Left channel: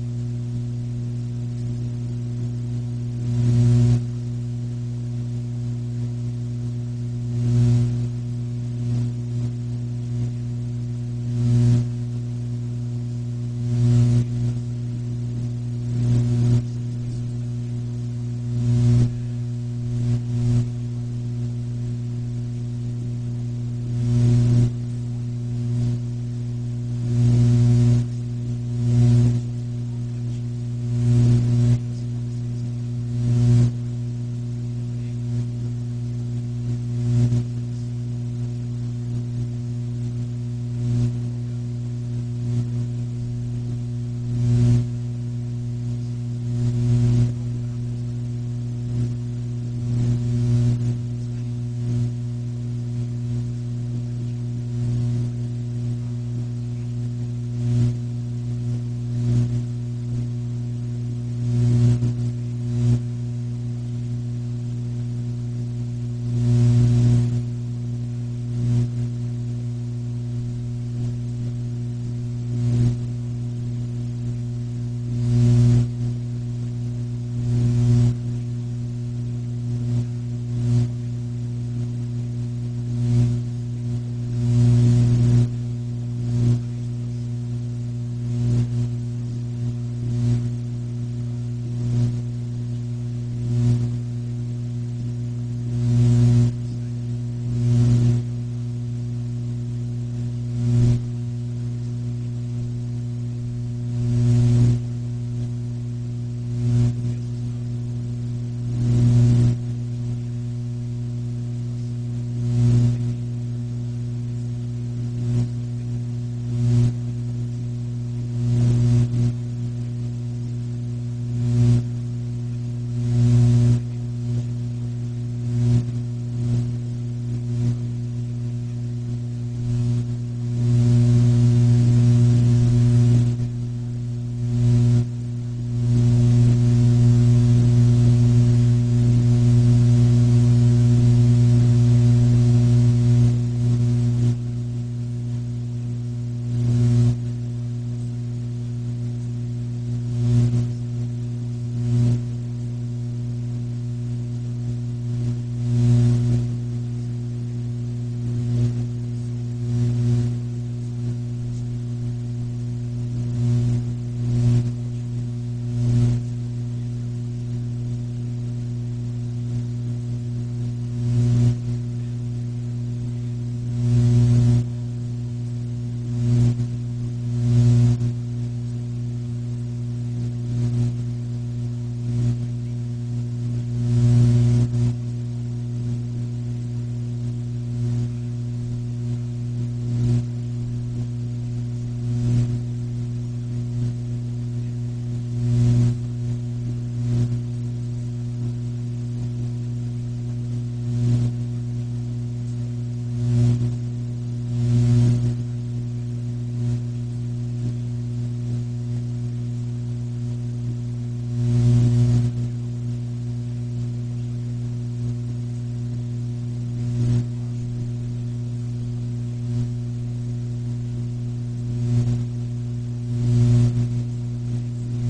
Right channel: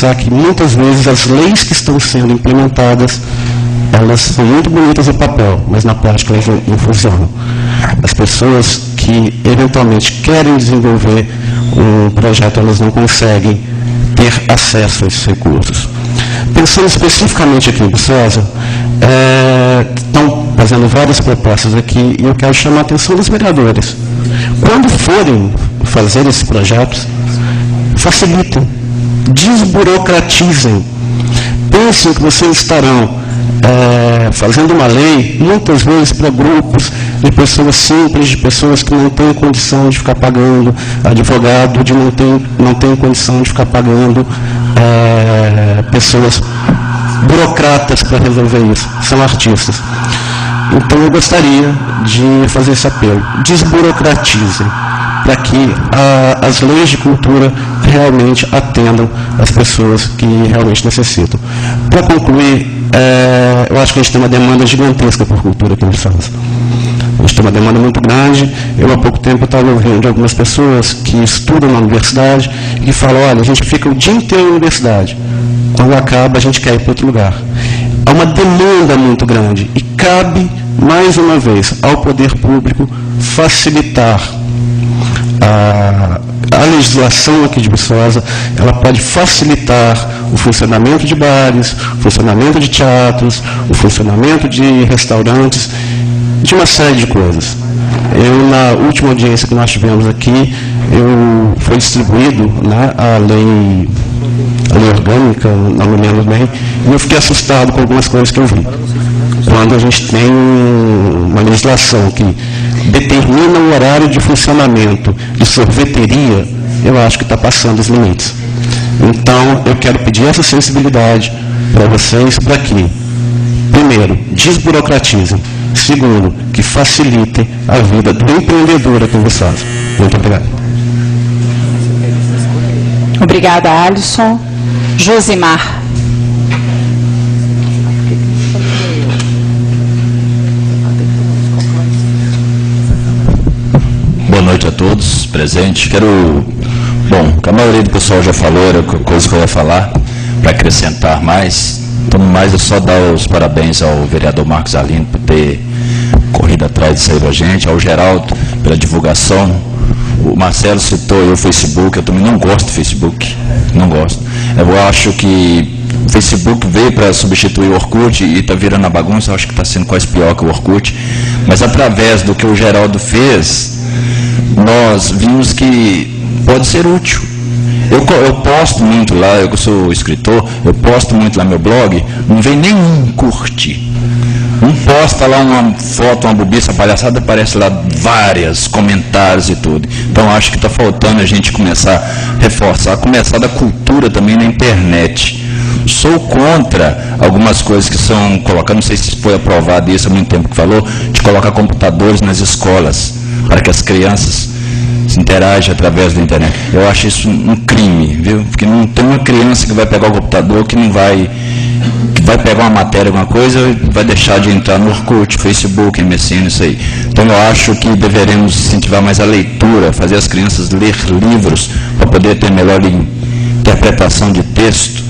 reforçar que muitas vezes as leis que estão sendo implementadas, elas são muito bonitas no papel, mas na prática elas não funcionam. As pessoas que eventualmente querem desenvolver um projeto, elas não conseguem ter acesso a esses recursos. Pensando especificamente aqui em Viçosa, estão fazendo várias propostas aqui e eu quero chamar a atenção dos vereadores. Quando forem fazer esses projetos, facilitem, desburocratizem. Pensem que vocês estarão fazendo uma lei, muitas vezes para grupos de pessoas simples, de pessoas que não têm condição de ficar pagando advogado, de não tem condição de ficar pagando pessoas burocratas para resolver isso, são artistas. Então eu gostaria de fazer esse apelo, desburocratizem, para que as leis de cultura realmente atendam as pessoas que realmente necessitam. Para concluir, eu acho que a gente tem uma demanda gigantesca por cultura aqui em Viçosa. A gente tem uma demanda muito grande. Eu, há pouco tempo, estava ouvindo de algumas pessoas que estudam na universidade e falam, olha, a gente fica o dia inteiro na universidade. Quando acaba, a gente quer ir para outro lugar. Há uma demanda muito grande e cabe, mais uma vez, ao poder público facilitar a legislação aqui de Viçosa. Ela pode facilitar o funcionamento de bares, o funcionamento de teatros, o funcionamento de restaurantes, de uma série de coisas. Na última audiência que nós tivemos aqui, foi distribuído, né, a lei orgânica, não me lembro bem, e eu fiquei assustado com algumas coisas que eu vi. Quando a gente tem uma legislação que determina o horário de funcionamento de sorveteria, eu acho que está passando os limites. Então, eu quero pedir essa sensibilidade para vocês, para que, primeiro, desburocratizem, segundo, que facilitem a vida do empreendedor aqui em Viçosa. Muito obrigado. Obrigada, Alisson. Josimar. Boa noite a todos presentes. Bom, a maioria do pessoal já falou, era coisa que eu ia falar, para acrescentar mais. Então, mais é só dar os parabéns ao vereador Marcos Alino por ter corrido atrás disso aí da gente, ao Geraldo pela divulgação. O Marcelo citou aí o Facebook, eu também não gosto do Facebook, não gosto. Eu acho que o Facebook veio para substituir o Orkut e está virando a bagunça, eu acho que está sendo quase pior que o Orkut. Mas através do que o Geraldo fez, nós vimos que pode ser útil. Eu posto muito lá, eu sou escritor, eu posto muito lá no meu blog, não vem nenhum curtir. Um posta lá uma foto, uma bobiça, palhaçada, aparece lá vários comentários e tudo. Então acho que está faltando a gente começar a reforçar, começar da cultura também na internet. Sou contra algumas coisas que são colocadas, não sei se foi aprovado isso há muito tempo que falou, de colocar computadores nas escolas, para que as crianças se interagem através da internet. Eu acho isso um crime, viu? Porque não tem uma criança que vai pegar o computador que vai pegar uma matéria, alguma coisa, vai deixar de entrar no Orkut, Facebook, MSN, isso aí. Então eu acho que deveremos incentivar mais a leitura, fazer as crianças ler livros para poder ter melhor interpretação de texto,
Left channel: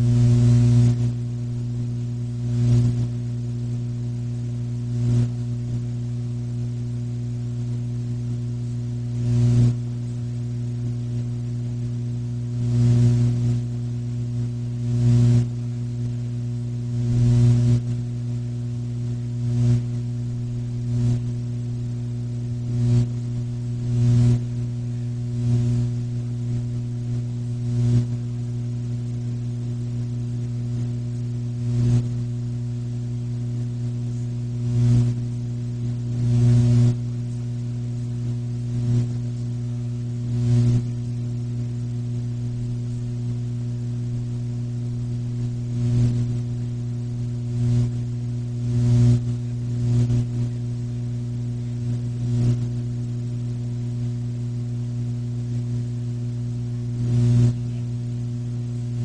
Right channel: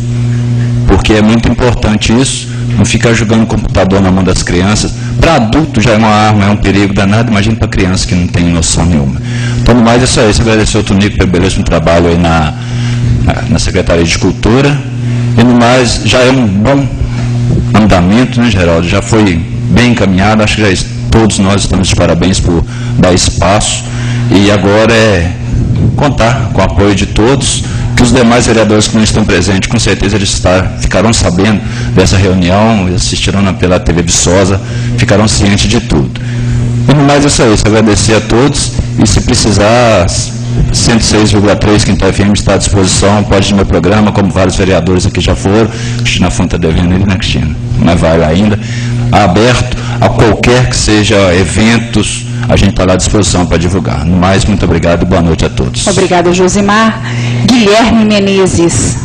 porque é muito importante isso, não ficar jogando computador na mão das crianças. Para adulto já é uma arma, é um perigo danado, imagina para criança que não tem noção nenhuma. Então, no mais, é só isso. Agradecer ao Tonico pelo belíssimo trabalho aí na Secretaria de Cultura. E no mais, já é um bom andamento, né, Geraldo? Já foi bem encaminhado, acho que todos nós estamos de parabéns por dar espaço. E agora é contar com o apoio de todos, que os demais vereadores que não estão presentes, com certeza eles ficarão sabendo dessa reunião, assistirão pela TV Viçosa, ficarão cientes de tudo. E no mais é só isso, agradecer a todos, e se precisar, 106,3 Quintal FM está à disposição, pode ir no meu programa, como vários vereadores aqui já foram. Cristina Fonte está devendo ele, né, Cristina? Mas vai lá ainda. Aberto a qualquer que seja eventos, a gente está lá à disposição para divulgar. No mais, muito obrigado e boa noite a todos. Obrigada, Josimar. Guilherme Menezes.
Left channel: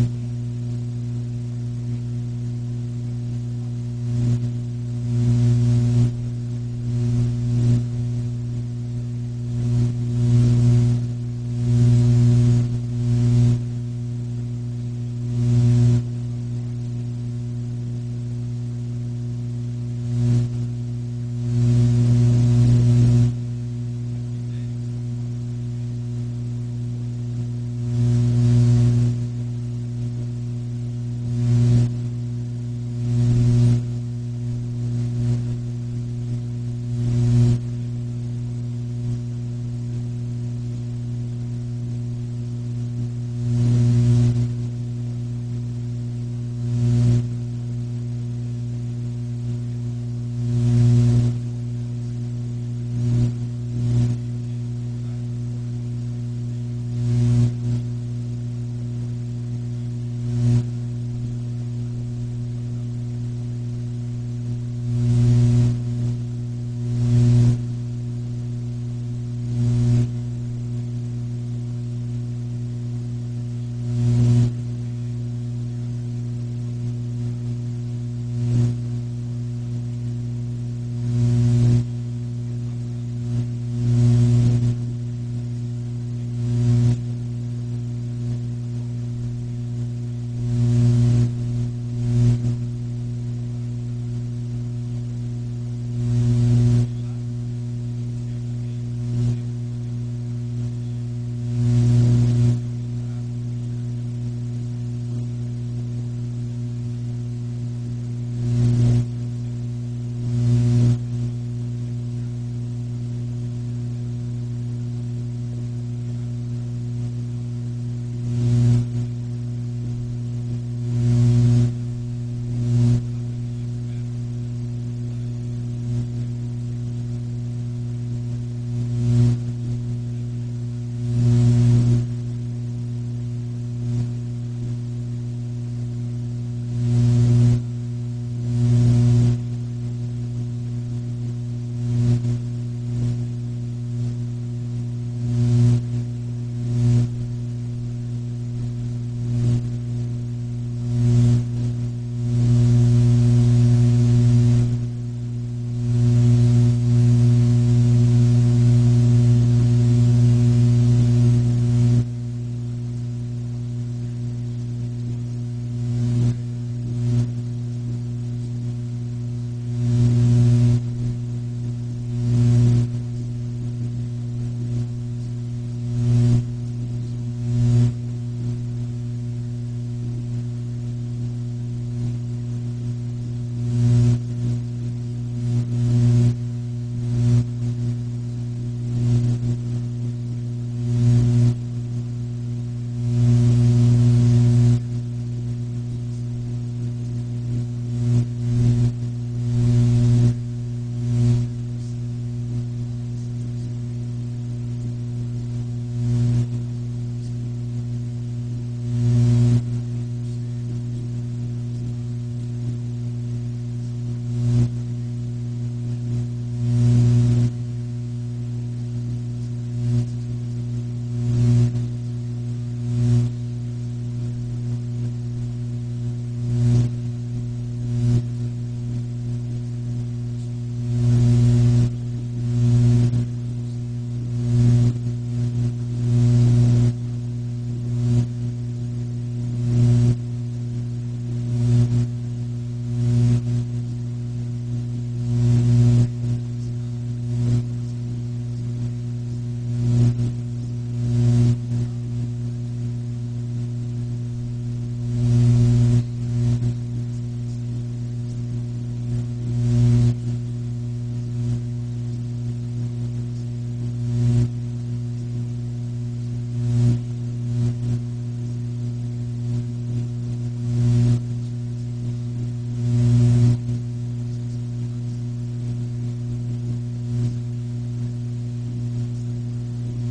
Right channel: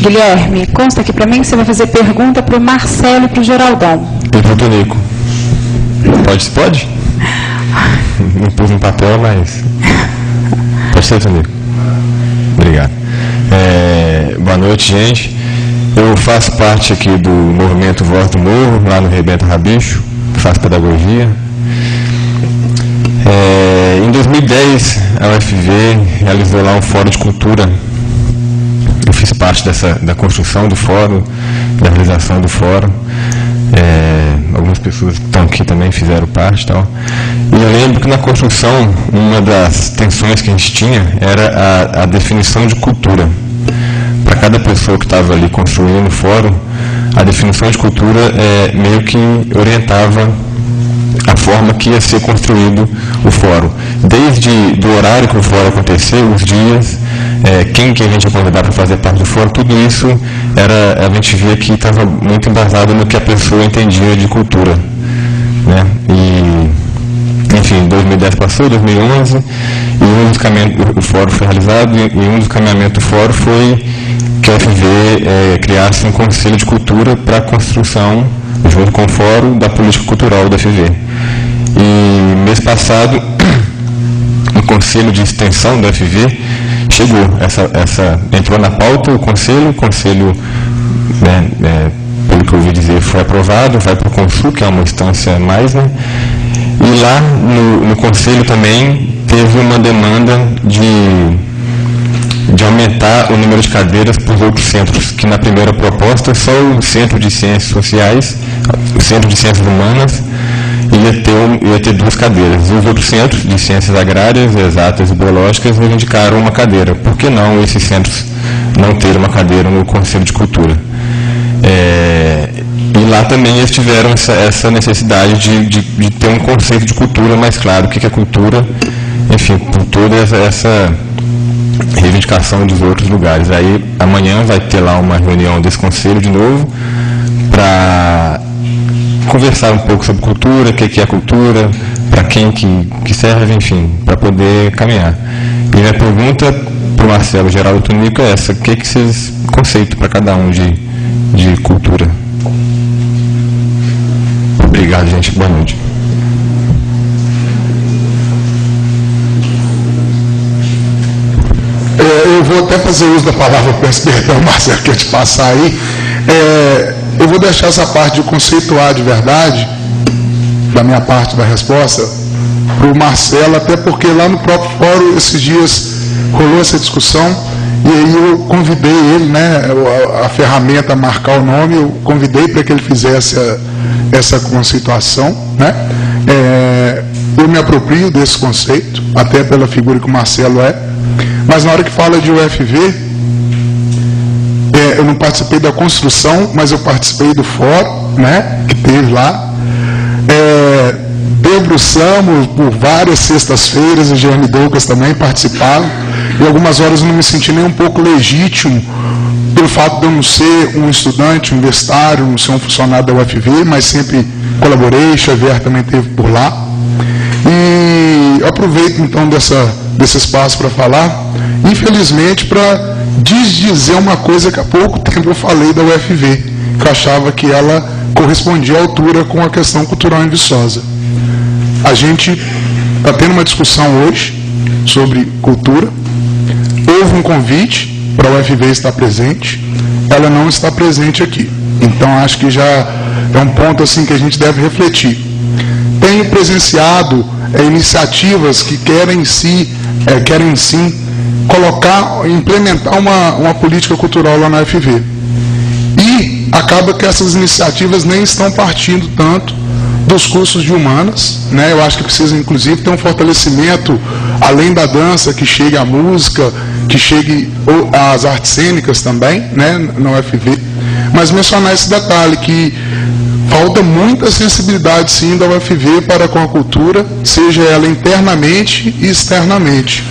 Guilherme, consta aqui para mim que você vai fazer pergunta para o Marcelo e para o Geraldão. Pergunta, Nico. Pode? Não pus no papel, mas... Pode ser, Tonico? Obrigado. Boa noite, gente. Eu faço parte aqui do movimento Voz do Morro, lá no Rebento Rabicho, faço pedagogia. Em 2010, a UFV realizou lá um fórum de cultura. Eu fiz parte da construção do fórum, da realização do fórum. Algumas pessoas que estão aqui também fizeram parte e tal. E eu lembro que na construção, uma das tensões que a gente tinha era a definição de cultura. Para cada pessoa que estava ali construindo o fórum, a definição de cultura meio que orientava a forma que ia ser construído o fórum. Desde do horário que o fórum aconteceu, os dias, quem que a gente ia convidar para fazer parte do fórum, tudo isso a gente via que estava muito embasado no que a pessoa entendia de cultura, né? E, enfim, 2010 passou, 2011, e o fórum foi realizado, e um dos caminhamentos do fórum foi que a UFV criasse um conselho de cultura para a construção, junto com o fórum, da política cultural da UFV. E mês passado, o conselho de extensão da UFV chegou, entrou na pauta o conselho, pelo que eu ouvi dizer, foi aprovado, vai para o Consul, que é uma instância mais, né? E lá no conselho também teve uma demanda de aumentar o número de cadeiras para os outros centros, que na primeira proposta só o Centro de Ciências Sociais, o Centro de Ciências Humanas, ia ter 2 cadeiras. E os outros centros de Ciências Agrárias, Exatas e Biológicas reivindicaram uma cadeira. Por que não esses centros não terem uma cadeira no Conselho de Cultura? E lá também eles tiveram essa necessidade de ter um conceito de cultura mais claro, o que é cultura, enfim, por toda essa reivindicação dos outros lugares. Aí amanhã vai ter lá uma reunião desse conselho de novo para conversar um pouco sobre cultura, o que é cultura, para quem que serve, enfim, para poder caminhar. E minha pergunta para o Marcelo Geraldo Tonico é essa: o que vocês conceito para cada um de cultura? Obrigado, gente. Boa noite. Eu vou até fazer uso da palavra, peço perdão, Marcelo, que eu te passar aí. Eu vou deixar essa parte de conceituar de verdade, da minha parte da resposta, para o Marcelo, até porque lá no próprio fórum, esses dias, rolou essa discussão, e aí eu convidei ele, né, a ferramenta marcar o nome, eu convidei para que ele fizesse essa conceituação, né? Eu me aproprio desse conceito, até pela figura que o Marcelo é, mas na hora que fala de UFV, eu não participei da construção, mas eu participei do fórum, né, que teve lá. Debruçamos por várias sextas-feiras, o Jeremy Douglas também participaram, e algumas horas eu não me senti nem um pouco legítimo, pelo fato de eu não ser um estudante universitário, não ser um funcionário da UFV, mas sempre colaborei, Xavier também esteve por lá. E eu aproveito então desse espaço para falar, infelizmente, para desdizer uma coisa que há pouco tempo eu falei da UFV, que eu achava que ela correspondia à altura com a questão cultural em Viçosa. A gente está tendo uma discussão hoje sobre cultura. Houve um convite para a UFV estar presente, ela não está presente aqui. Então, acho que já é um ponto assim que a gente deve refletir. Tenho presenciado iniciativas que querem sim implementar uma política cultural lá na UFV. E acaba que essas iniciativas nem estão partindo tanto dos cursos de humanas, né? Eu acho que precisa, inclusive, ter um fortalecimento, além da dança, que chegue a música, que chegue às artes cênicas também, né, na UFV. Mas mencionar esse detalhe, que falta muita sensibilidade, sim, da UFV para com a cultura, seja ela internamente e externamente.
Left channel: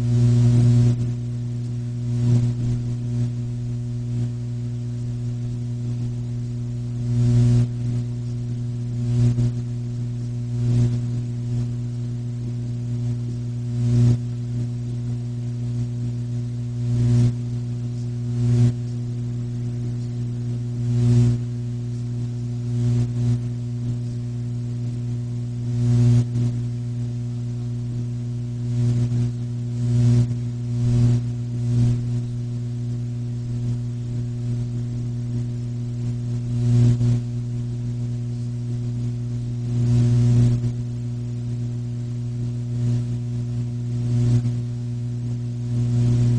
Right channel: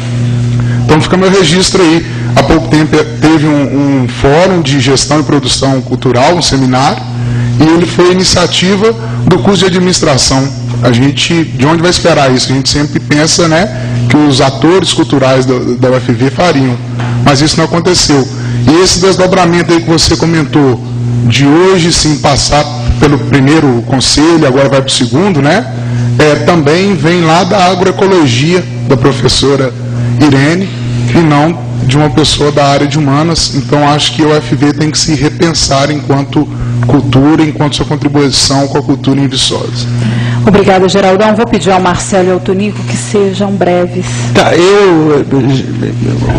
Então fica meu registro aí. Há pouco tempo teve um fórum de gestão e produção cultural, um seminário, e ele foi iniciativa do curso de administração. A gente, de onde vai esperar isso? A gente sempre pensa, né, que os atores culturais da UFV fariam, mas isso não aconteceu. E esse desdobramento aí que você comentou, de hoje sim passar pelo primeiro conselho, agora vai para o segundo, né, também vem lá da agroecologia, da professora Irene, não de uma pessoa da área de humanas. Então, acho que a UFV tem que se repensar enquanto cultura, enquanto sua contribuição com a cultura em Viçosa. Obrigada, Geraldão. Vou pedir ao Marcelo e ao Tonico que sejam breves. Tá, eu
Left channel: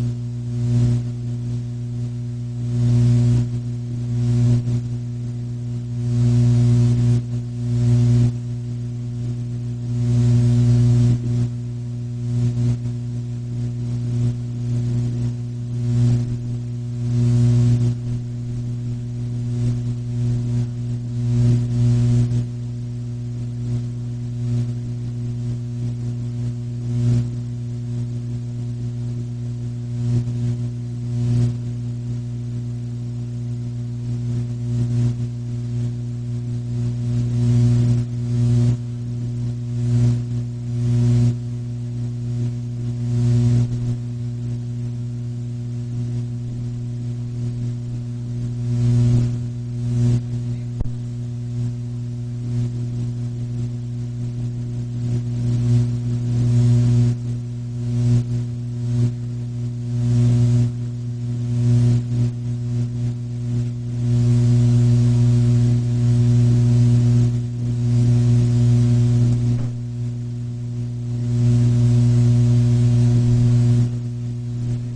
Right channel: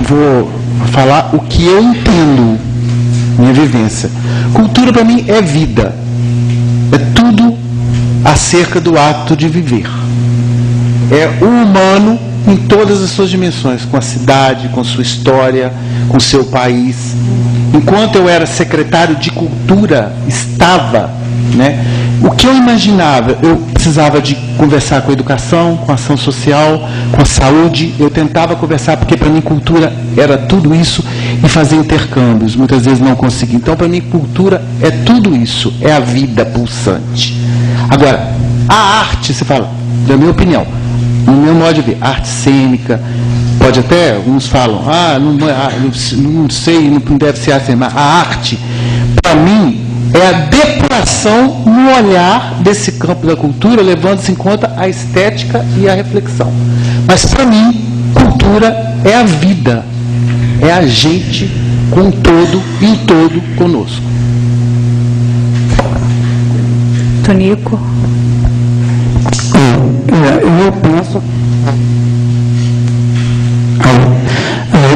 vou falar o que eu entendo, minha vivência. Cultura para mim é vida. É tudo acerca do ato de viver. É o humano em todas as suas dimensões, com a cidade, com sua história, com seu país. Enquanto eu era secretário de cultura, estava, né? O que eu imaginava, eu precisava de conversar com a educação, com a ação social, com a saúde. Eu tentava conversar, porque para mim cultura era tudo isso, e fazer intercâmbios. Muitas vezes não consegui. Então, para mim, cultura é tudo isso, é a vida pulsante. Agora, a arte, você fala, na minha opinião, no meu modo de ver, arte cênica, pode até, uns falam, não sei, não deve ser assim, mas a arte, para mim, é a depuração no olhar desse campo da cultura, levando-se em conta a estética e a reflexão. Mas, para mim, cultura é a vida, é a gente com todo e em todo conosco. Tonico. Eu penso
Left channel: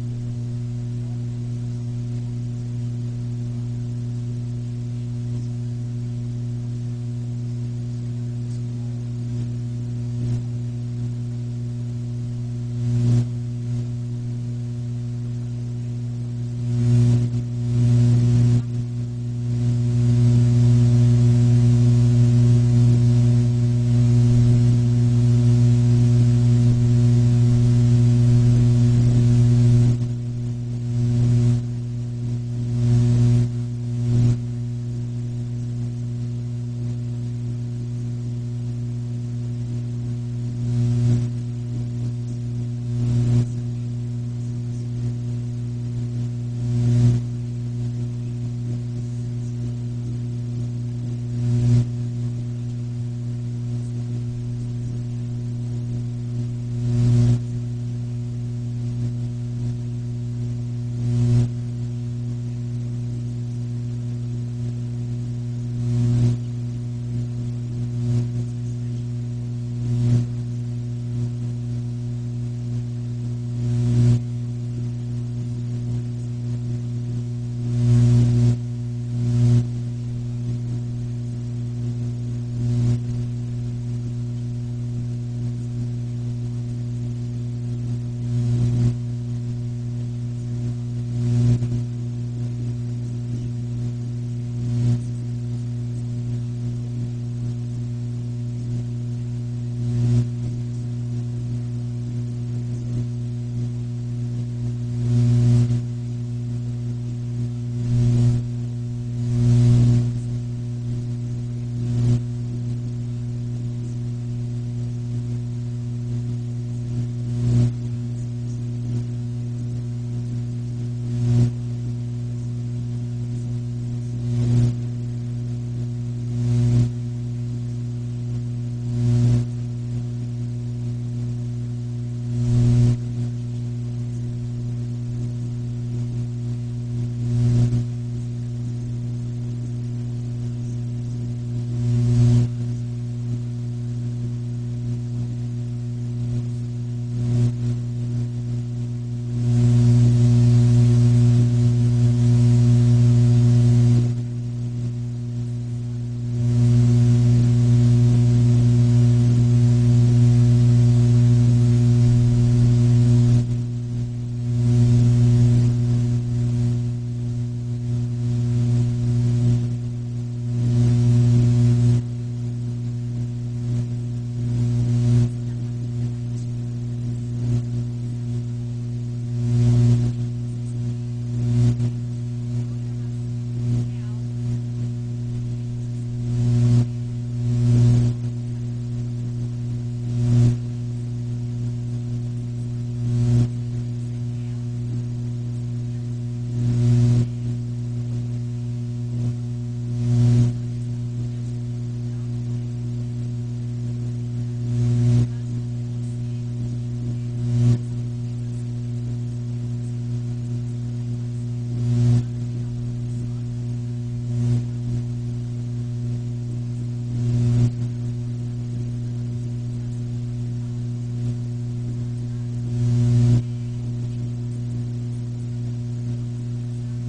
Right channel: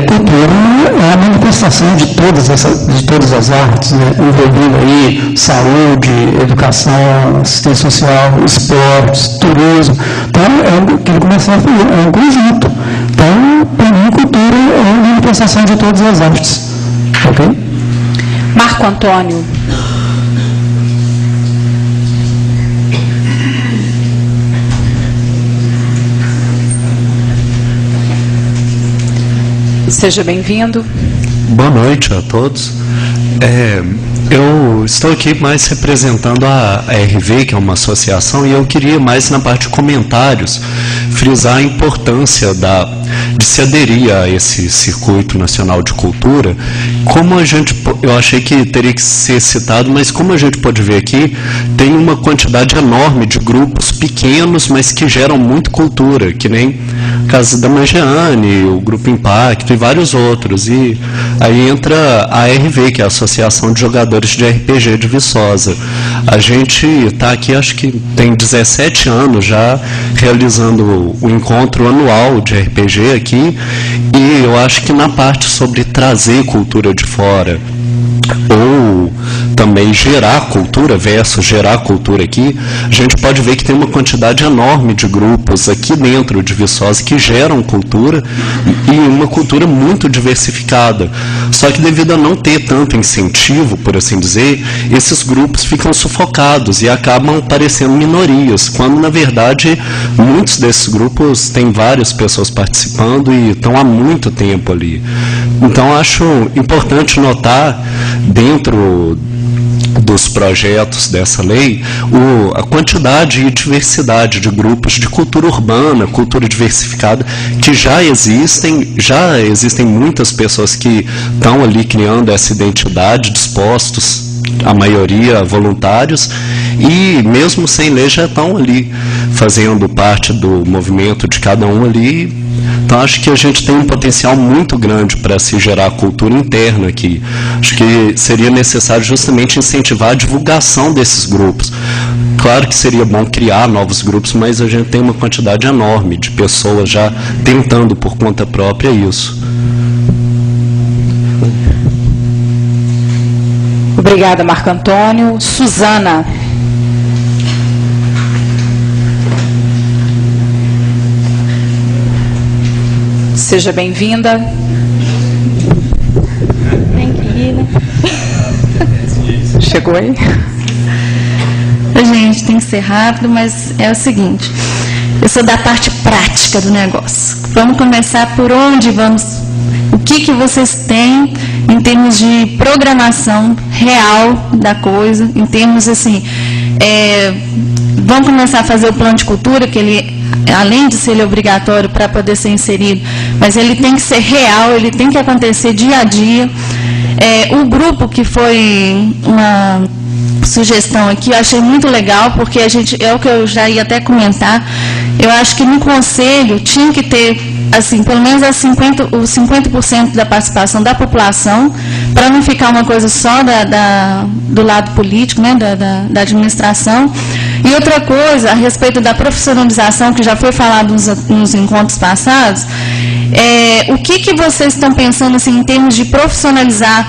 cultura é a manifestação de todas as artes, né? Envolvendo aí saúde, educação, assistência social, esportes, turismo. Então, é o que ele começou a fazer, é um conjunto. Então, para mim, cultura é a manifestação de todas as artes. Ok? Marco Antônio. Seja bem-vindo. Boa noite a todos. Eu estou aqui mais representando a RV, que é uma associação, e eu queria mais na parte de comentários frisar a importância de se aderir a esse circuito nacional de cultura. Como eu achei que teria que ser citado, mas como a gente pode ver aqui, tem uma quantidade enorme de grupos pequenos, mas que geram muito cultura, que nem a Casa da Mangiane, o Grupo Impacto e vários outros. E aí entra a RV, que é a Associação de Jogadores de RPG de Viçosa. A gente está aqui, acho que tem 17 anos já, realizando o encontro anual de RPG aqui, e eu acho que na parte sobre trazer cultura de fora, ou também gerar cultura versus gerar cultura aqui, a gente pode ver que tem uma quantidade enorme de grupos aqui dentro de Viçosa que geram cultura, e uma cultura muito diversificada. Só que devido a não ter tanto incentivo, por assim dizer, esses grupos ficam sufocados e acabam parecendo minorias, quando na verdade muitos desses grupos têm várias pessoas participando e estão há muito tempo ali. Então acho importante notar, dentro dos projetos dessa lei, a quantidade e diversidade de grupos de cultura urbana, cultura diversificada, que já existem muitas pessoas que estão ali criando essa identidade, dispostos, a maioria voluntários, e mesmo sem lei já estão ali fazendo parte do movimento de cada um ali. Então, acho que a gente tem um potencial muito grande para se gerar cultura interna aqui. Acho que seria necessário justamente incentivar a divulgação desses grupos. Claro que seria bom criar novos grupos, mas a gente tem uma quantidade enorme de pessoas já tentando por conta própria isso. Obrigada, Marco Antônio. Suzana. Seja bem-vinda. Tem que ir, né? Chegou aí? Gente, tem que ser rápido, mas é o seguinte. Eu sou da parte prática do negócio. Vamos começar por onde vamos. O que vocês têm em termos de programação real da coisa, em termos assim, vamos começar a fazer o plano de cultura, que ele, além de ser obrigatório para poder ser inserido, mas ele tem que ser real, ele tem que acontecer dia a dia. O grupo que foi uma sugestão aqui, eu achei muito legal, porque é o que eu já ia até comentar. Eu acho que no conselho tinha que ter assim, pelo menos os 50% da participação da população, para não ficar uma coisa só do lado político, né, da administração. E outra coisa, a respeito da profissionalização, que já foi falado nos encontros passados, o que vocês estão pensando assim, em termos de profissionalizar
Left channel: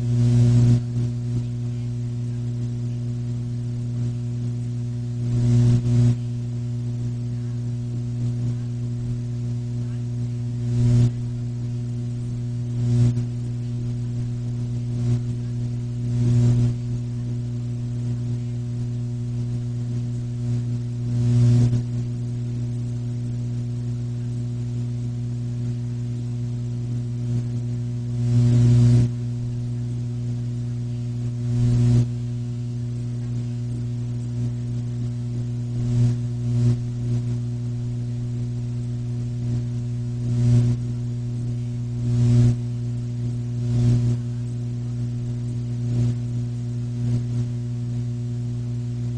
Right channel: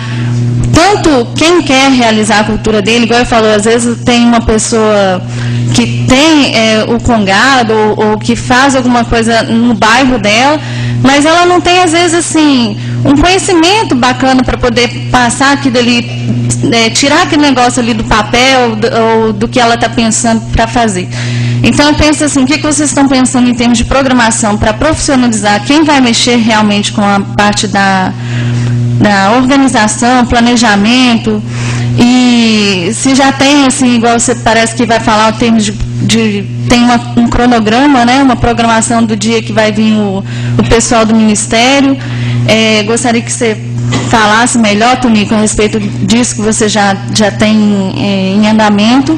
tanto quem quer realizar a cultura dele, igual eu falo, às vezes tem uma pessoa que tem o congado ou que faz alguma coisa no bairro dela, mas ela não tem, às vezes, assim, um conhecimento bacana para poder passar aquilo ali, tirar aquele negócio ali do papel ou do que ela está pensando para fazer. Então, eu penso assim, o que vocês estão pensando em termos de programação para profissionalizar quem vai mexer realmente com a parte da organização, planejamento, e se já tem, assim, igual você parece que vai falar, o termo tem um cronograma, né, uma programação do dia que vai vir o pessoal do Ministério. Gostaria que você falasse melhor, Tonico, a respeito disso que você já tem em andamento.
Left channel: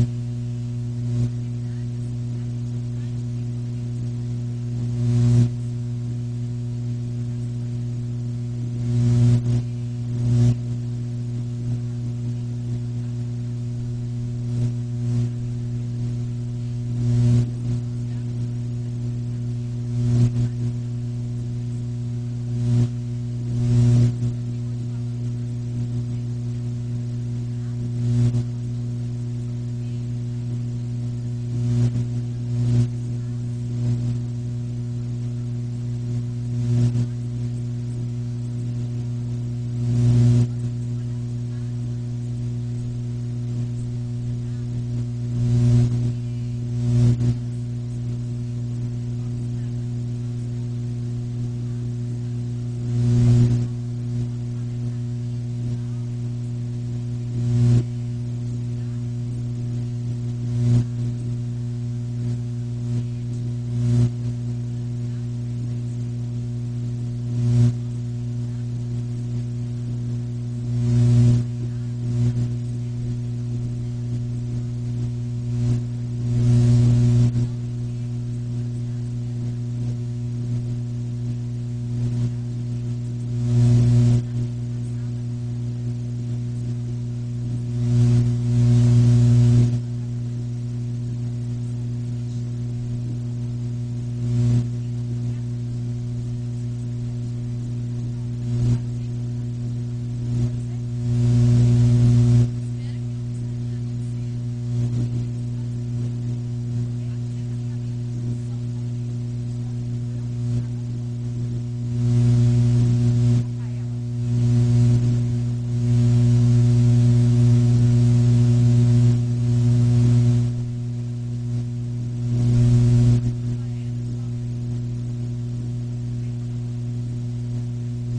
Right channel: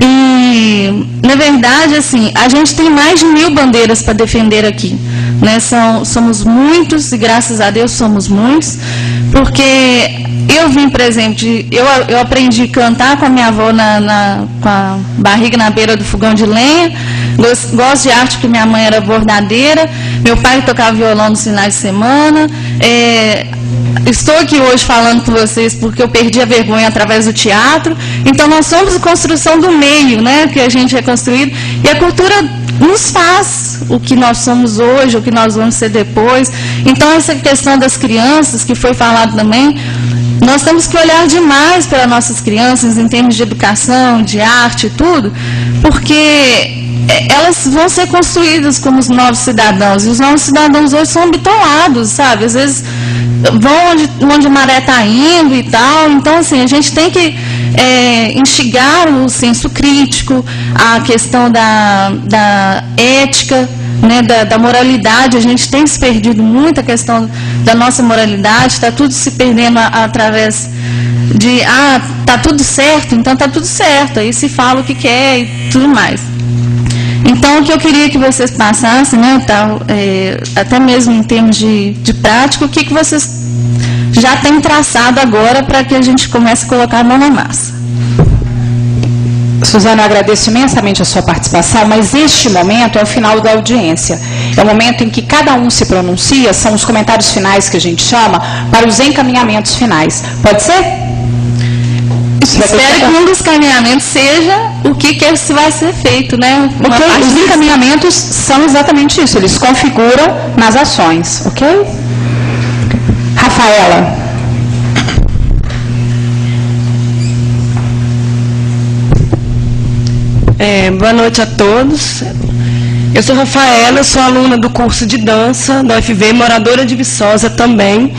E, na verdade, assim, a gente tem mais de 1000 bandeiras para defender aqui. Né? Somos muitos, e graças a Deus somos muitos, porque eu vim, por exemplo, eu aprendi a cantar com a minha avó com a barriga na beira do fogão de lenha, gosto de arte porque minha mãe era bordadeira, meu pai tocava violão nos finais de semana, estou aqui hoje falando com vocês porque eu perdi a vergonha através do teatro, então nós somos a construção do meio, né, que a gente é construído, e a cultura nos faz o que nós somos hoje, o que nós vamos ser depois. Então, essa questão das crianças, que foi falado também, nós temos que olhar demais para nossas crianças em termos de educação, de arte e tudo, porque elas vão ser construídas como os novos cidadãos, e os novos cidadãos hoje são bitolados, sabe? Às vezes vão onde a maré está indo e tal. Então, assim, a gente tem que instigar o senso crítico, a questão da ética, né, da moralidade. A gente tem se perdido muito a questão da nossa moralidade, está tudo se perdendo através de, tá tudo certo, então tá tudo certo, aí se fala o que quer e tudo mais. Então, o que eu queria que vocês passassem, né, até mesmo em termos de prática, o que vocês já têm traçado agora para que a gente comece a colocar a mão na massa. Suzana, eu agradeço imensamente a sua participação, mas este momento é o final da audiência. É o momento em que cada um se pronuncia, são os comentários finais que a gente chama, para os encaminhamentos finais. Pode ser? Espero que um dos encaminhamentos seja o que vai ser feito, né? Ok, os encaminhamentos são exatamente isso, eles configuram nas ações, ok? Rafaela. Boa noite a todos. Eu sou Rafaela, sou aluna do curso de dança da UFV, moradora de Viçosa também.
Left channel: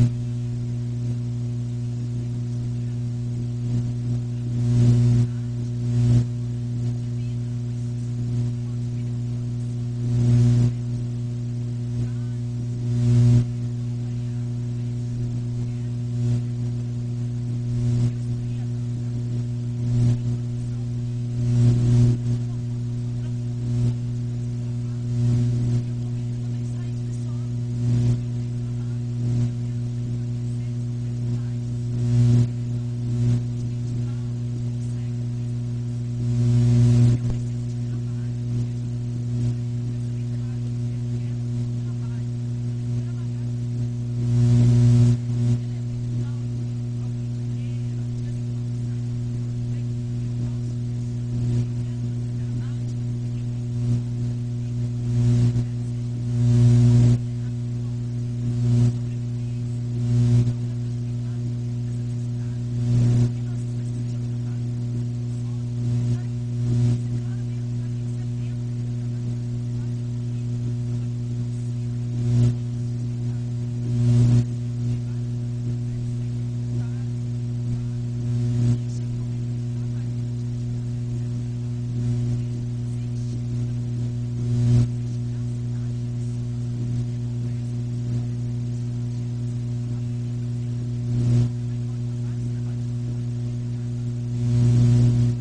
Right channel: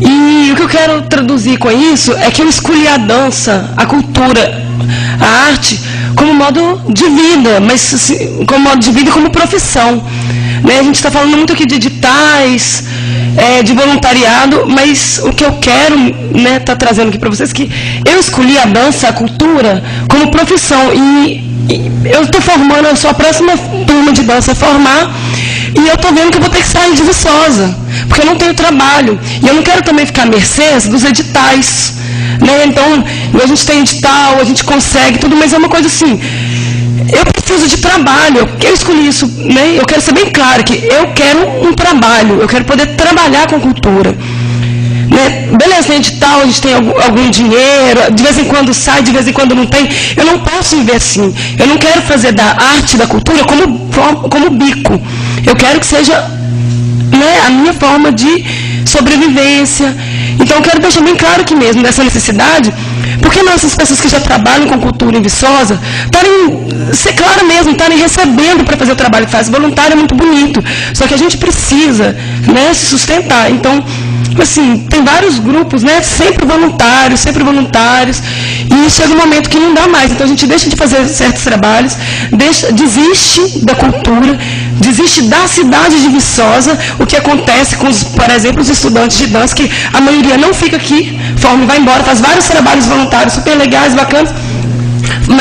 E o que eu quero traduzir com isso é que eu escolhi a dança, a cultura, a arte como modo de vida, mas assim, como modo de vida e como profissão. Né? A gente está falando muito aqui de editais, de voluntariado, mas o que eu quero, né, tá trazendo aqui para vocês é que eu escolhi a dança, a cultura, como profissão. E eu estou formando, eu sou a próxima turma de dança a formar, e eu estou vendo que eu vou ter que sair de Viçosa, porque eu não tenho trabalho. E eu não quero também ficar à mercê dos editais. Né? Então, a gente tem edital, a gente consegue tudo, mas é uma coisa assim, eu preciso de trabalho, eu escolhi isso, né? Eu quero ser bem claro que eu quero um trabalho, eu quero poder trabalhar com cultura. Né? Beleza, tem edital, a gente tem algum dinheiro, de vez em quando sai, de vez em quando não tem. Eu não posso viver assim. Eu não quero fazer da arte, da cultura como bico. Eu quero que seja, né, a minha forma de sobrevivência. Então eu quero deixar bem claro aqui mesmo dessa necessidade, porque nossas pessoas que já trabalham com cultura em Viçosa, ser claro mesmo, estarem recebendo para fazer o trabalho que faz. Voluntário é muito bonito, só que a gente precisa, né, se sustentar. Então, assim, tem vários grupos, né, sempre voluntários, e chega um momento que não dá mais. Então a gente deixa de fazer certos trabalhos, desiste da cultura, desiste da cidade de Viçosa. O que acontece com, por exemplo, os estudantes de dança, que a maioria não fica aqui, forma e vai embora, faz vários trabalhos voluntários super legais, bacanas,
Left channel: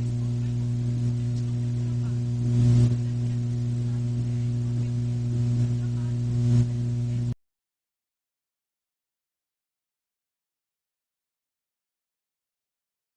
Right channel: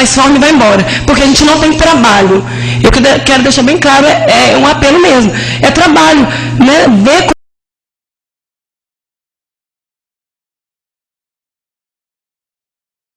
mais forma e vai embora. Porque a gente não tem trabalho. Eu quero deixar bem claro, é um apelo mesmo. É trabalho, né? Ver